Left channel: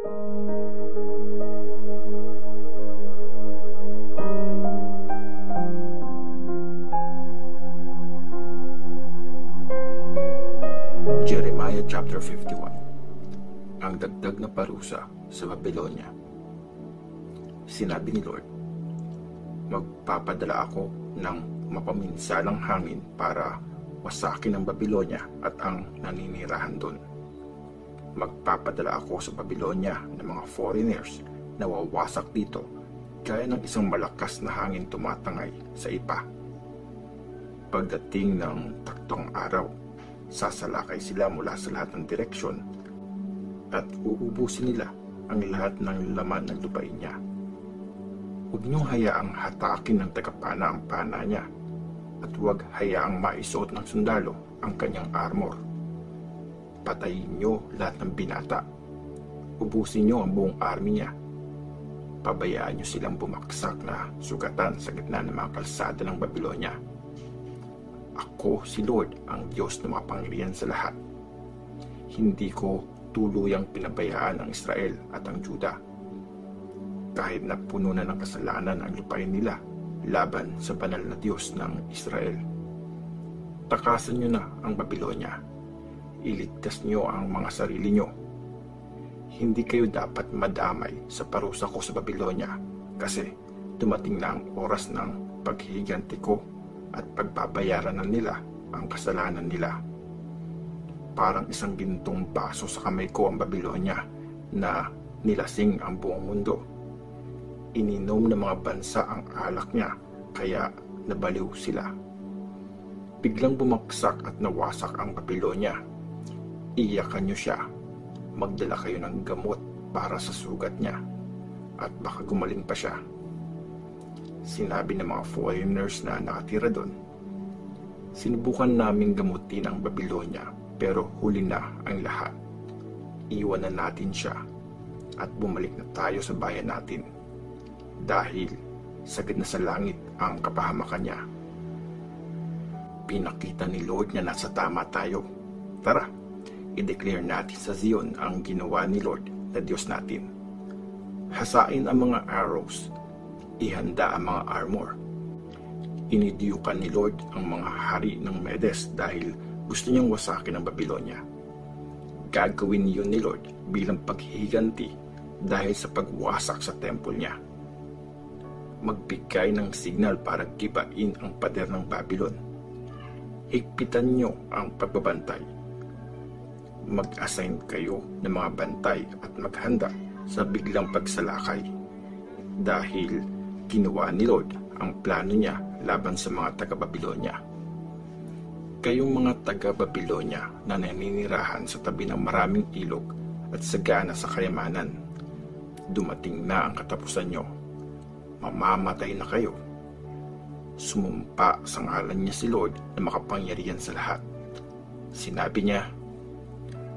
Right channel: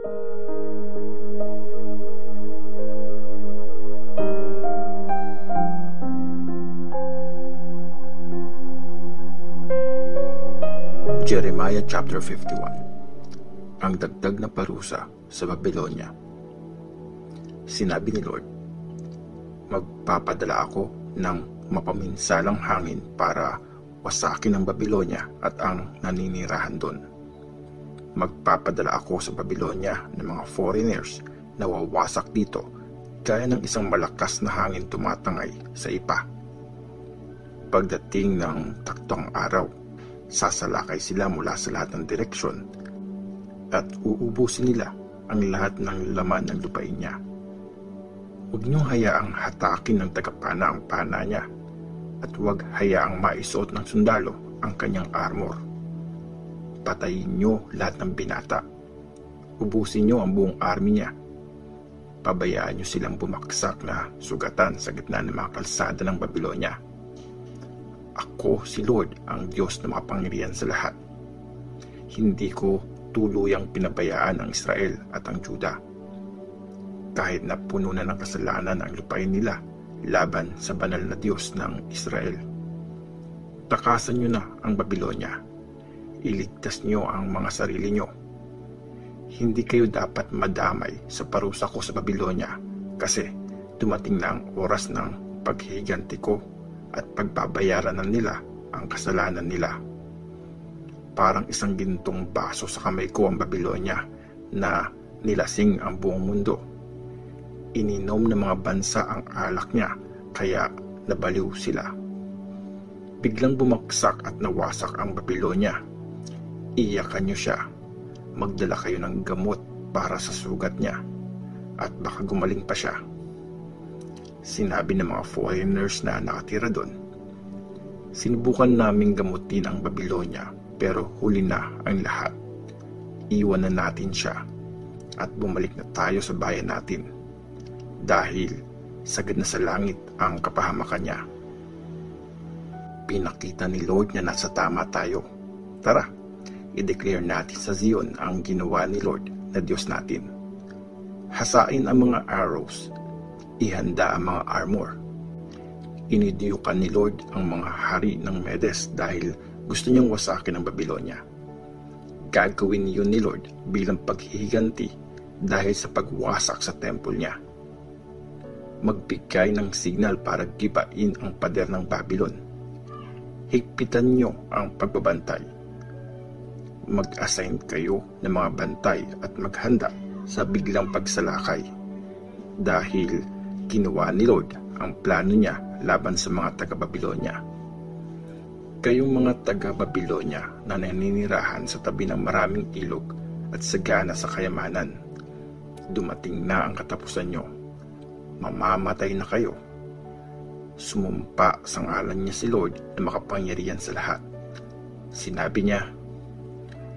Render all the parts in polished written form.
Jeremiah chapter 51. Ang dagdag na parusa sa Babylonia. Sinabi ni Lord, magpapadala ako ng mapaminsalang hangin para wasakin ang Babylonia at ang naninirahan doon. Magpapadala ako sa Babylonia ng mga foreigners na wawasak dito gaya ng isang malakas na hangin tumatangay sa ipa. Pagdating ng taktong araw, sasalakay sila mula sa lahat ng direksyon at uubusin nila ang lahat ng laman ng lupain niya. Huwag niyong hayaang hatakin ng tagapana ang pana niya at huwag hayaang maisuot ng sundalo ang kanyang armor. Patayin niyo lahat ng binata. Ubusin niyo ang buong army niya. Pabayaan niyo silang bumaksak na sugatan sa gitna ng mga kalsada ng Babylonia. Ako si Lord, ang Diyos na makapangyarihan sa lahat. Hindi ko tuluyang pinabayaan ang Israel at ang Juda. Kahit na puno na ng kasalanan ang lupain nila laban sa banal na Diyos ng Israel. Takasan niyo na ang Babylonia. Iligtas niyo ang mga sarili niyo. Hindi kayo dapat madamay sa parusa ko sa Babylonia kasi dumating na ang oras ng paghihiganti ko at pagbabayaran na nila ang kasalanan nila. Parang isang gintong baso sa kamay ko ang Babylonia na nilasing ang buong mundo. Ininom ng mga bansa ang alak niya kaya nabaliw sila. Biglang bumagsak at nawasak ang Babylonia. Iyakan niyo siya. Magdala kayo ng gamot para sa sugat niya at baka gumaling pa siya. Sinabi ng mga foreigners na nakatira doon, sinubukan naming gamutin ang Babylonia pero huli na ang lahat. Iwan na natin siya at bumalik na tayo sa bayan natin dahil sagad na sa langit ang kapahamakan niya. Pinakita ni Lord na nasa tama tayo. Tara, i-declare natin sa Zion ang ginawa ni Lord na Diyos natin. Hasain ang mga arrows, ihanda ang mga armor. Inidiyukan ni Lord ang mga hari ng Medes dahil gusto niyang wasakin ang Babylonia. Gagawin niyon ni Lord bilang paghihiganti dahil sa pagwasak sa temple niya. Magbigay ng signal para gibain ang pader ng Babylon. Higpitan niyo ang pagbabantay. Mag-assign kayo ng mga bantay at maghanda sa biglang pagsalakay dahil ginawa ni Lord ang plano niya laban sa mga taga-Babylonia. Kayong mga taga-Babylonia na naninirahan sa tabi ng maraming ilog at sagana sa kayamanan, dumating na ang katapusan nyo. Mamamatay na kayo. Sumumpa sa ngalan niya si Lord na makapangyarihan sa lahat. Sinabi niya,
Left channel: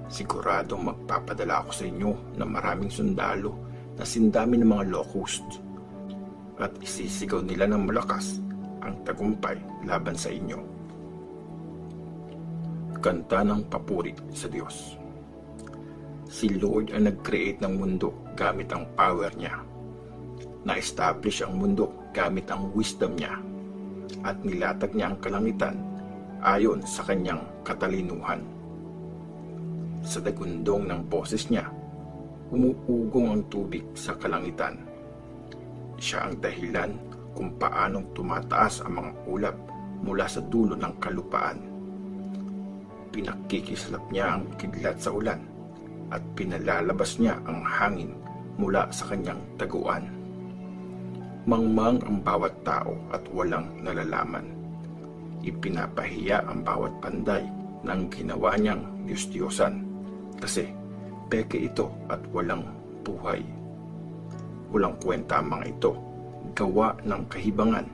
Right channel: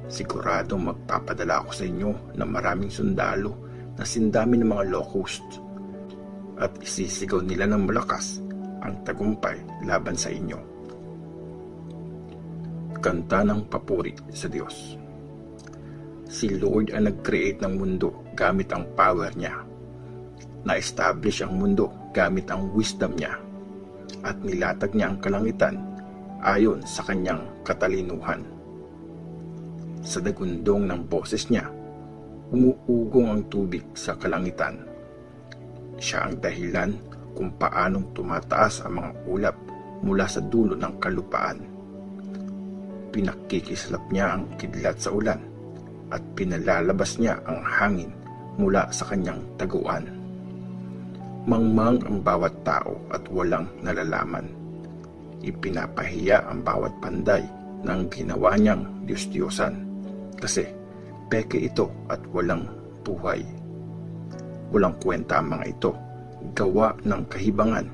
siguradong magpapadala ako sa inyo ng maraming sundalo na sindami ng mga locust at isisigaw nila ng malakas ang tagumpay laban sa inyo. Kanta ng papuri sa Diyos. Si Lord ang nag-create ng mundo gamit ang power niya. Na-establish ang mundo gamit ang wisdom niya at nilatag niya ang kalangitan ayon sa kanyang katalinuhan. Sa dagundong ng boses niya, umuugong ang tubig sa kalangitan. Siya ang dahilan kung paanong tumataas ang mga ulap mula sa dulo ng kalupaan. Pinakikislap niya ang kidlat sa ulan at pinalalabas niya ang hangin mula sa kanyang taguan. Mangmang ang bawat tao at walang nalalaman. Ipinapahiya ang bawat panday ng ginawa niyang Diyos-Diyosan kasi peke ito at walang buhay. Walang kwenta ang mga ito, gawa ng kahibangan.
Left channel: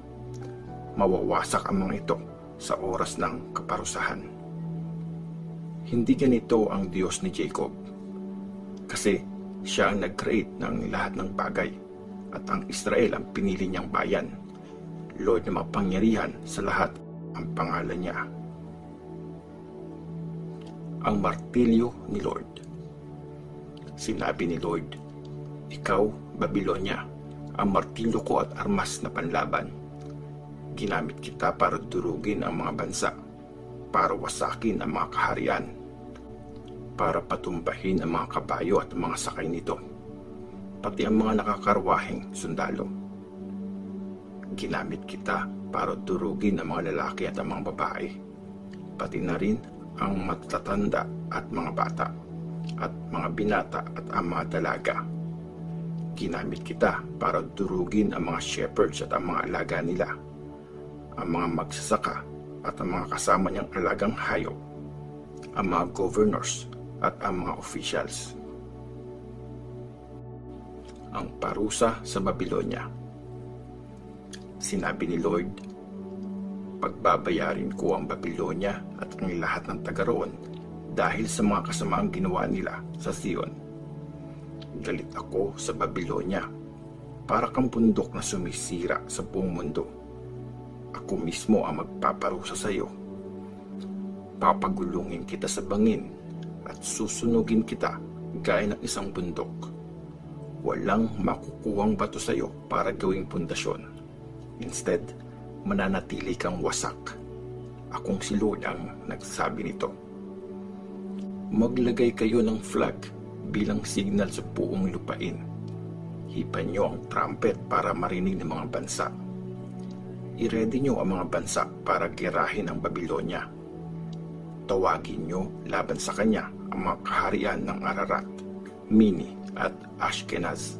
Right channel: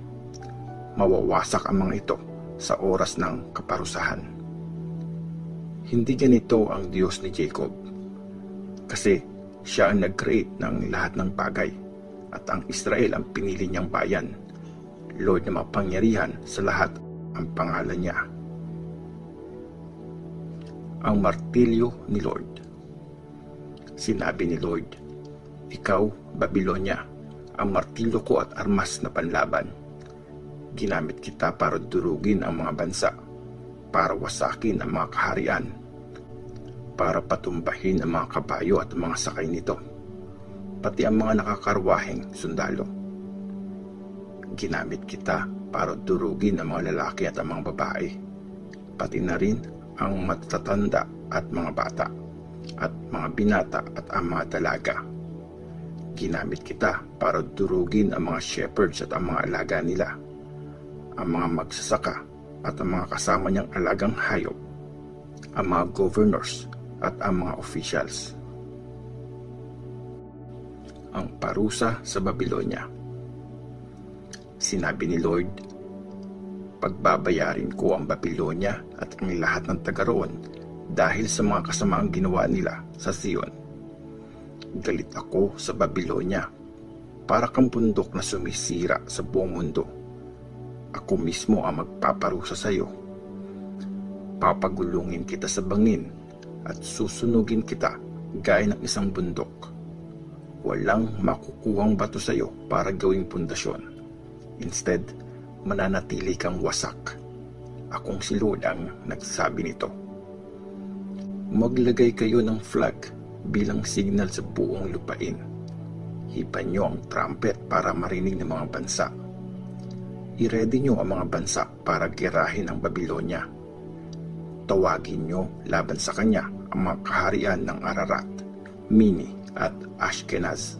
Mawawasak ang mga ito sa oras ng kaparusahan. Hindi ganito ang Diyos ni Jacob kasi siya ang nag-create ng lahat ng bagay at ang Israel ang pinili niyang bayan. Lord na mapangyarihan sa lahat ang pangalan niya. Ang martilyo ni Lord. Sinabi ni Lord, "Ikaw, Babilonia, ang martilyo ko at armas na panlaban. Ginamit kita para durugin ang mga bansa, para wasakin ang mga kaharian, para patumbahin ang mga kabayo at mga sakay nito, pati ang mga nakakarwaheng sundalo. Ginamit kita para durugin ang mga lalaki at ang mga babae, pati na rin ang matatanda at mga bata, at mga binata at ang mga dalaga. Ginamit kita para durugin ang mga shepherds at ang mga alaga nila, ang mga magsasaka at ang mga kasama niyang alagang hayop, ang mga governors at ang mga officials." Ang parusa sa Babilonia. Sinabi ni Lord, "Pagbabayarin ko ang Babilonia at ang lahat ng taga roon dahil sa mga kasamaang ginawa nila sa Sion. Galit ako sa Babilonia, para kang bundok na sumisira sa buong mundo. Ako mismo ang magpaparusa sa iyo. Papagulungin kita sa bangin at susunugin kita gaya ng isang bundok. Walang makukuhang bato sa iyo para gawing pundasyon. Instead, mananatili kang wasak. Akong si Lord ang nagsabi nito. Maglagay kayo ng flag bilang signal sa buong lupain. Hipan nyo ang trumpet para marinig ng mga bansa. I-ready nyo ang mga bansa para girahin ang Babilonia. Tawagin nyo laban sa kanya ang mga kaharian ng Ararat, Mini at Ashkenaz.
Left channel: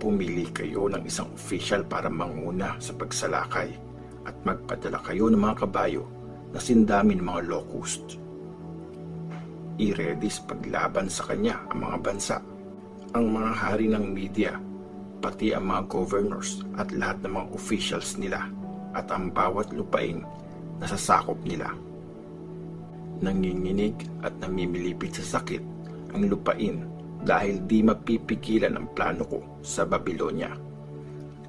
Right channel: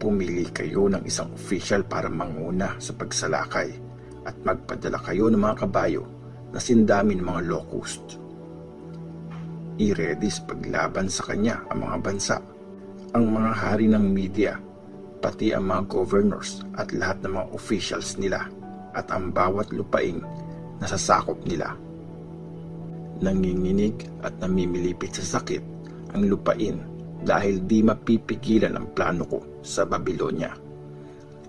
Pumili kayo ng isang official para manguna sa pagsalakay at magpadala kayo ng mga kabayo na sindamin ng mga locust. I-ready sa paglaban sa kanya ang mga bansa, ang mga hari ng media, pati ang mga governors at lahat ng mga officials nila at ang bawat lupain na sasakop nila. Nanginginig at namimilipit sa sakit ang lupain dahil di mapipigilan ang plano ko sa Babilonia.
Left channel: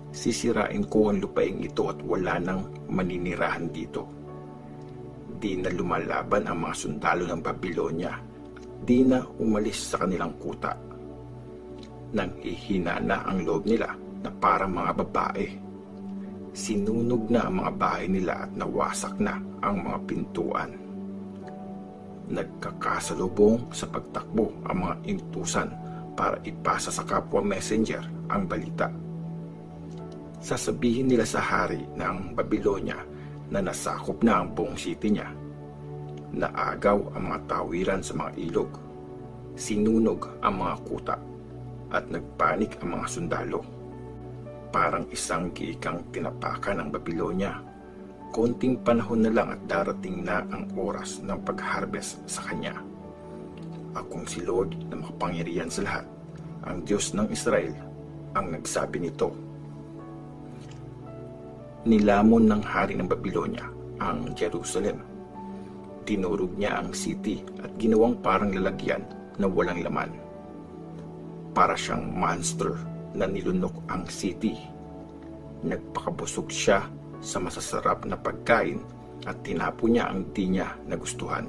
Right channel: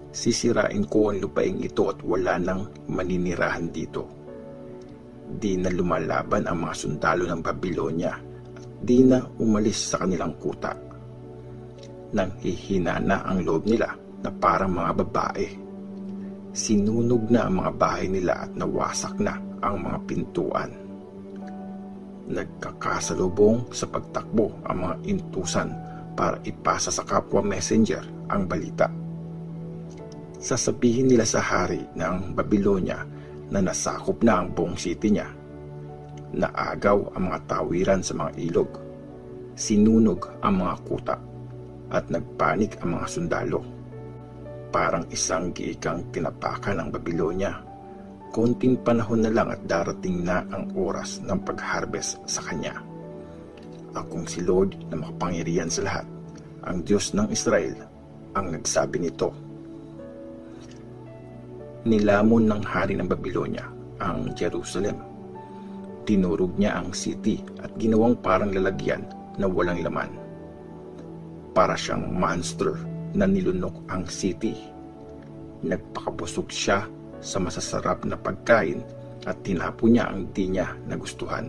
Sisirain ko ang lupain ito at wala nang maninirahan dito. Di na lumalaban ang mga sundalo ng Babilonia at di na umalis sa kanilang kuta. Nanghihina na ang loob nila na parang mga babae. Sinunog na ang mga bahay nila at nawasak na ang mga pintuan. Nagkakasalubong sa pagtakbo ang mga intusan para ipasa sa kapwa messenger ang balita. Sasabihin nila sa hari ng Babilonia na nasakop na ang buong city niya. Naagaw ang mga tawiran sa mga ilog. Sinunog ang mga kuta at nagpanik ang mga sundalo. Parang isang giikang tinapakan ng Babilonia. Konting panahon na lang at darating na ang oras ng pag-harvest sa kanya. Akong si Lord na makapangyarihan sa lahat, ang Diyos ng Israel, ang nagsabi nito. Nilamon ng hari ng Babilonia ang Jerusalem. Tinurog niya ang city at ginawang parang lalagyan na walang laman. Para siyang monster na nilunok ang city. Nagpakabusog siya sa masasarap na pagkain at tinapo niya ang di niya nagustuhan.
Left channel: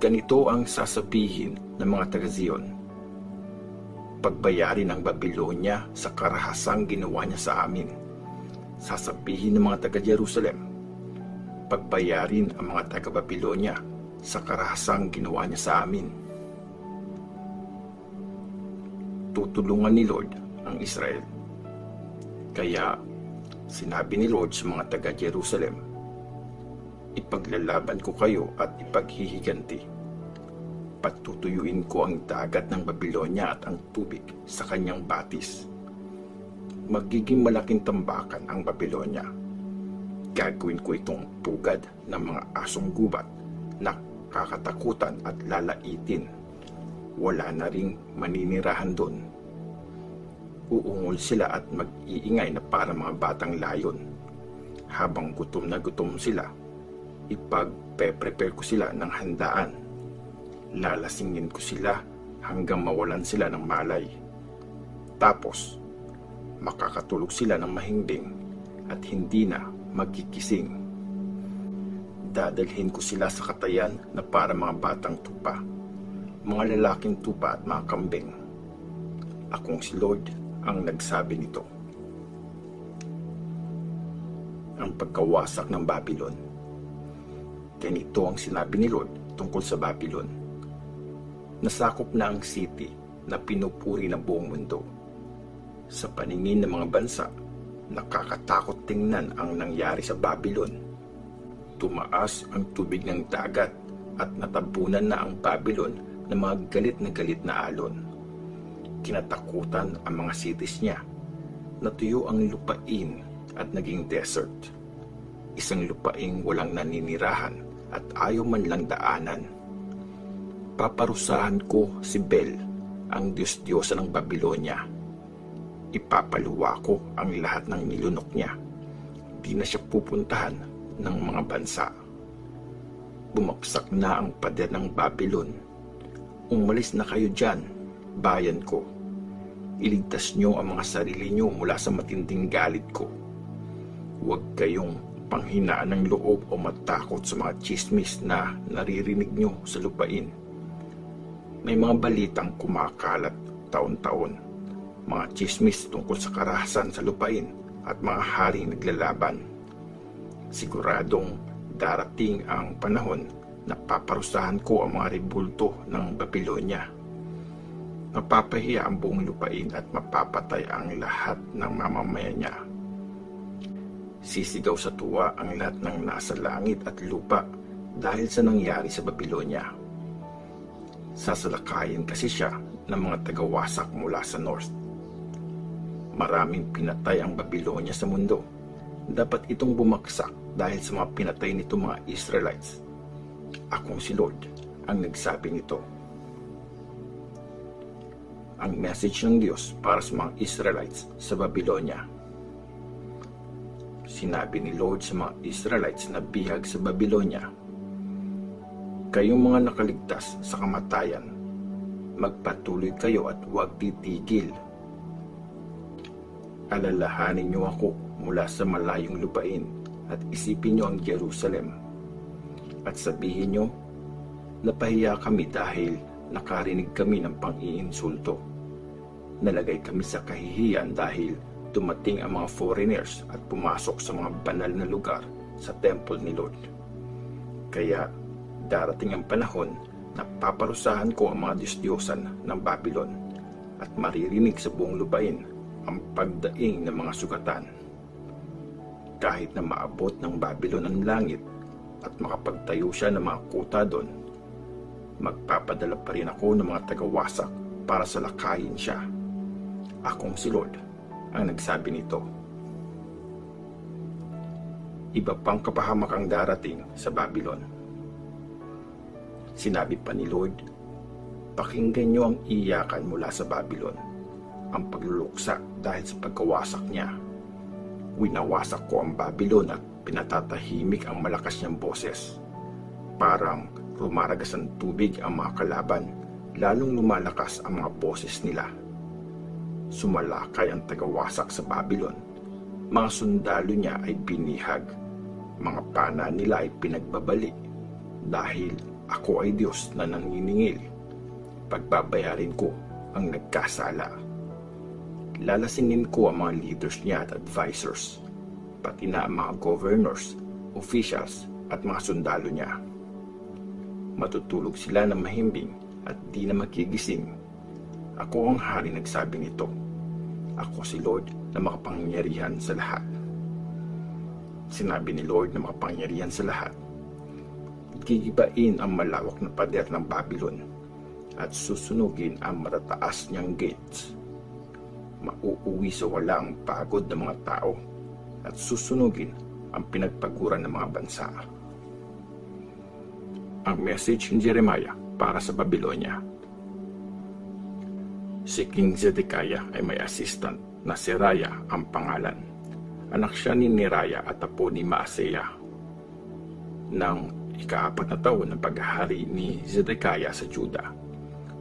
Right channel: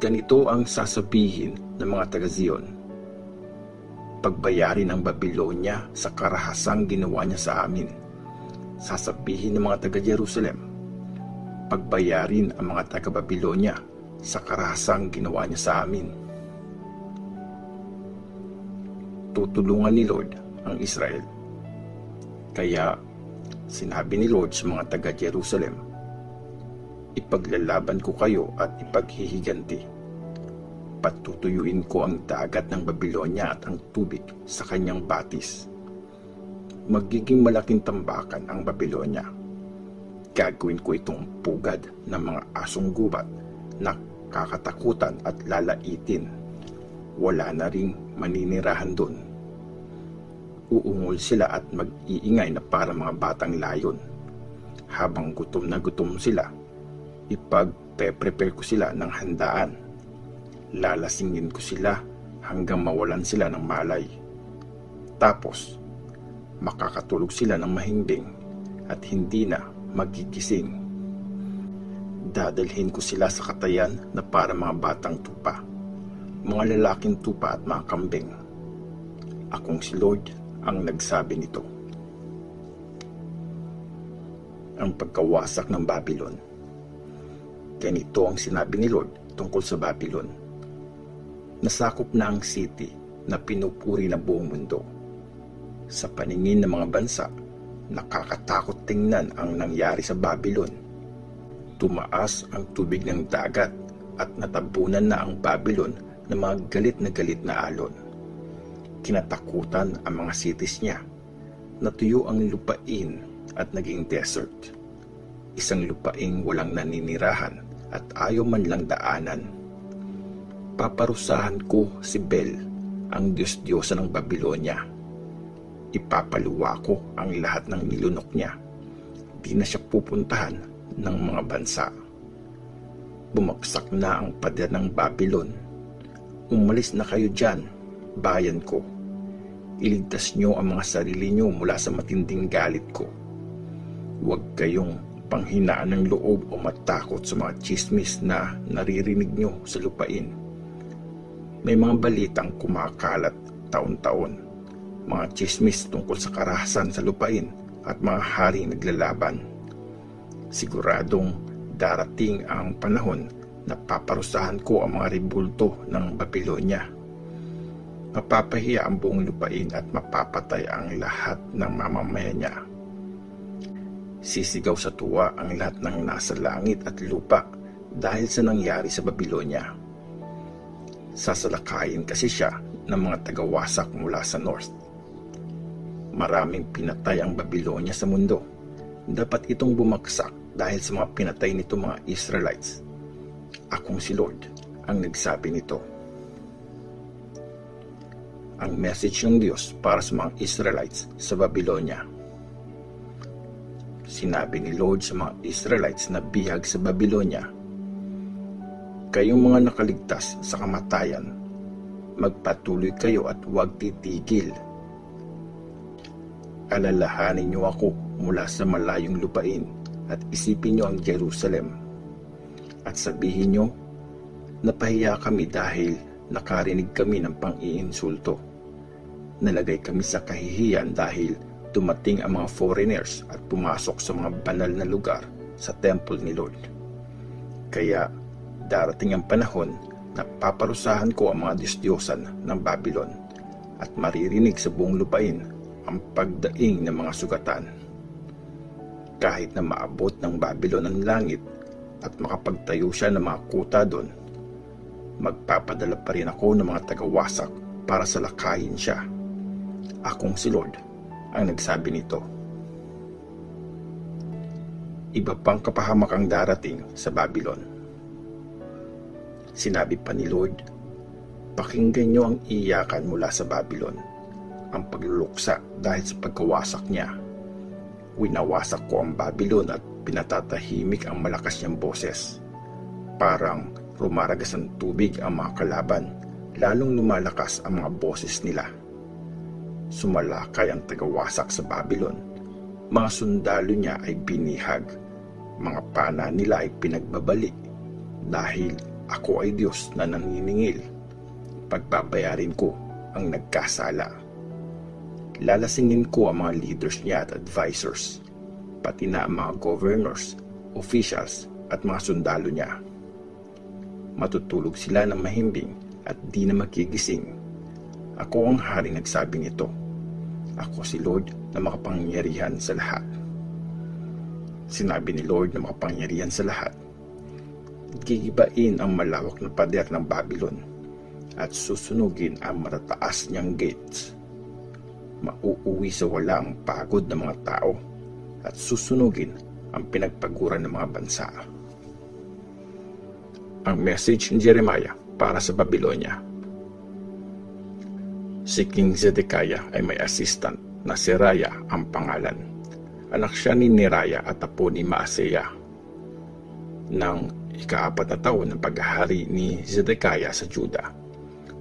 Ganito ang sasabihin ng mga taga-Zion. Pagbayarin ang Babilonia sa karahasang ginawa niya sa amin. Sasabihin ng mga taga-Jerusalem, pagbayarin ang mga taga-Babilonia sa karahasang ginawa niya sa amin. Tutulungan ni Lord ang Israel. Kaya sinabi ni Lord sa mga taga-Jerusalem, ipaglalaban ko kayo at ipaghihiganti. Patutuyuin ko ang dagat ng Babilonia at ang tubig sa kanyang batis. Magiging malaking tambakan ang Babilonia. Gagawin ko itong pugad ng mga asong gubat na kakatakutan at lalaitin. Wala na rin maninirahan doon. Uungol sila at mag-iingay na parang mga batang layon. Habang gutom na gutom sila, ipagpe-prepare ko sila ng handaan. Lalasingin ko sila hanggang mawalan sila ng malay. Tapos, makakatulog sila ng mahimbing at hindi na magkikising. Dadalhin ko sila sa katayan na para mga batang tupa. mga lalaking tupa at mga kambing. Akong si Lord ang nagsabi nito. Ang pagkawasak ng Babylon. Ganito ang sinabi ni Lord tungkol sa Babylon. Nasakop na ang city na pinupuri ng buong mundo. Sa paningin ng mga bansa, nakakatakot tingnan ang nangyari sa Babylon. Tumaas ang tubig ng dagat at natabunan na ang Babylon ng mga galit na alon. Kinatakutan ang mga cities niya. Natuyo ang lupain at naging desert. Isang lupaing walang naninirahan at ayaw man lang daanan. Paparusahan ko si Bel, ang Diyos-Diyosa ng Babylonia. Ipapaluwa ko ang lahat ng nilunok niya. Di na siya pupuntahan ng mga bansa. Bumagsak na ang pader ng Babylon. Umalis na kayo dyan, bayan ko. Iligtas niyo ang mga sarili niyo mula sa matinding galit ko. Huwag kayong panghinaan ng loob o matakot sa mga chismis na naririnig niyo sa lupain. May mga balitang kumakalat taon-taon. Mga chismis tungkol sa karahasan sa lupain at mga haring naglalaban. Siguradong darating ang panahon na paparusahan ko ang mga rebulto ng Babylonia. Mapapahiya ang buong lupain at mapapatay ang lahat ng mamamayan niya. Sisigaw sa tuwa ang lahat ng nasa langit at lupa dahil sa nangyari sa Babylonia. Sasalakayin kasi siya ng mga tagawasak mula sa north. Maraming pinatay ang Babylonia sa mundo. Dapat itong bumagsak dahil sa mga pinatay nito mga Israelites. Akong si Lord ang nagsabi nito. Ang message ng Diyos para sa mga Israelites sa Babylonia. Sinabi ni Lord sa mga Israelites na bihag sa Babylonia, kayong mga nakaligtas sa kamatayan, magpatuloy kayo at huwag titigil. Alalahanin niyo ako mula sa malayong lupain at isipin niyo ang Jerusalem. At sabihin niyo, napahiya kami dahil nakarinig kami ng pang-iinsulto. Nalagay kami sa kahihiyan dahil dumating ang mga foreigners at pumasok sa mga banal na lugar sa temple ni Lord. Kaya darating ang panahon na paparusahan ko ang mga Diyos-Diyosan ng Babylon at maririnig sa buong lupain ang pagdaing ng mga sugatan. Kahit na maabot ng Babylon ang langit at makapagtayo siya ng mga kuta doon, magpapadala pa rin ako ng mga tagawasak para salakayin siya. Akong si Lord ang nagsabi nito. Iba pang kapahamakang darating sa Babylon. Sinabi pa ni Lord, pakinggan niyo ang iyakan mula sa Babylon, ang pagluluksa dahil sa pagkawasak niya. Winawasak ko ang Babylon at pinatatahimik ang malakas niyang boses. Parang rumaragas ang tubig ang mga kalaban, lalong lumalakas ang mga boses nila. Sumalakay ang tagawasak sa Babylon. Mga sundalo niya ay binihag. Mga pana nila ay pinagbabali. Dahil ako ay Diyos na nanginingil. Pagbabayarin ko ang nagkasala. Lalasingin ko ang mga leaders niya at advisors, pati na ang mga governors, officials at mga sundalo niya. Matutulog sila ng mahimbing at di na magigising. Ako ang hari nagsabi nito. Ako si Lord na makapangyarihan sa lahat. Sinabi ni Lord na makapangyarihan sa lahat, gigibain ang malawak na pader ng Babylon at susunugin ang matataas niyang gates. Mauuwi sa walang pagod ng mga tao at susunugin ang pinagpaguran ng mga bansa. Ang message ni Jeremiah para sa Babylonia. Si King Zedekiah ay may assistant na si Raya ang pangalan. Anak siya ni Neraya at apo ni Maaseya. Nang ika-4 na taon ng paghahari ni Zedekiah sa Juda,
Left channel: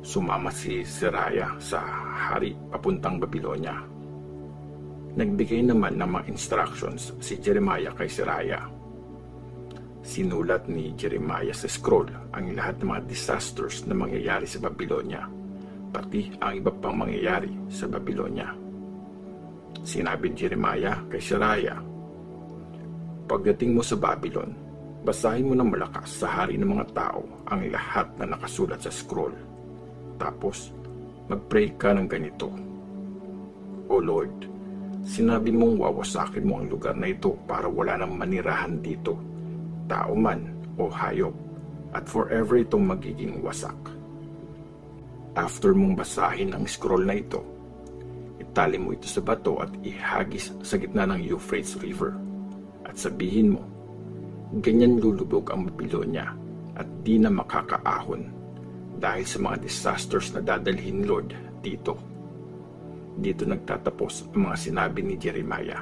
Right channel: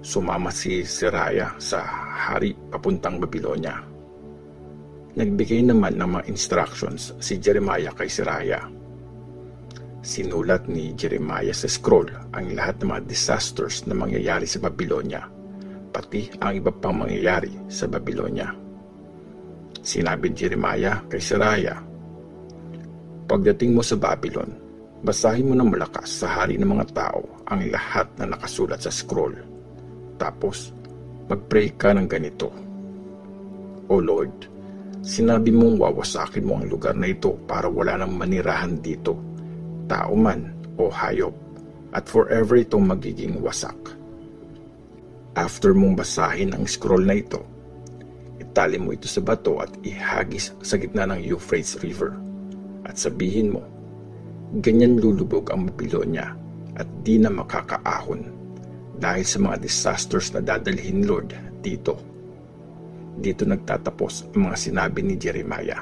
sumama si Seraya sa hari papuntang Babylonia. Nagbigay naman ng mga instructions si Jeremiah kay Seraya. Sinulat ni Jeremiah sa scroll ang lahat ng mga disasters na mangyayari sa Babylonia, pati ang iba pang mangyayari sa Babylonia. Sinabi ni Jeremiah kay Seraiah, "Pagdating mo sa Babylon, basahin mo ng malakas sa hari ng mga tao ang lahat na nakasulat sa scroll. Tapos, mag-pray ka ng ganito. O Lord, sinabi mong wawasakin mo ang lugar na ito para wala nang manirahan dito, tao man o hayop, at forever itong magiging wasak." After mong basahin ang scroll na ito, itali mo ito sa bato at ihagis sa gitna ng Euphrates River. At sabihin mo, "Ganyang lulubog ang Babylonia at di na makakaahon dahil sa mga disasters na dadalhin, Lord, dito." Dito nagtatapos ang mga sinabi ni Jeremiah.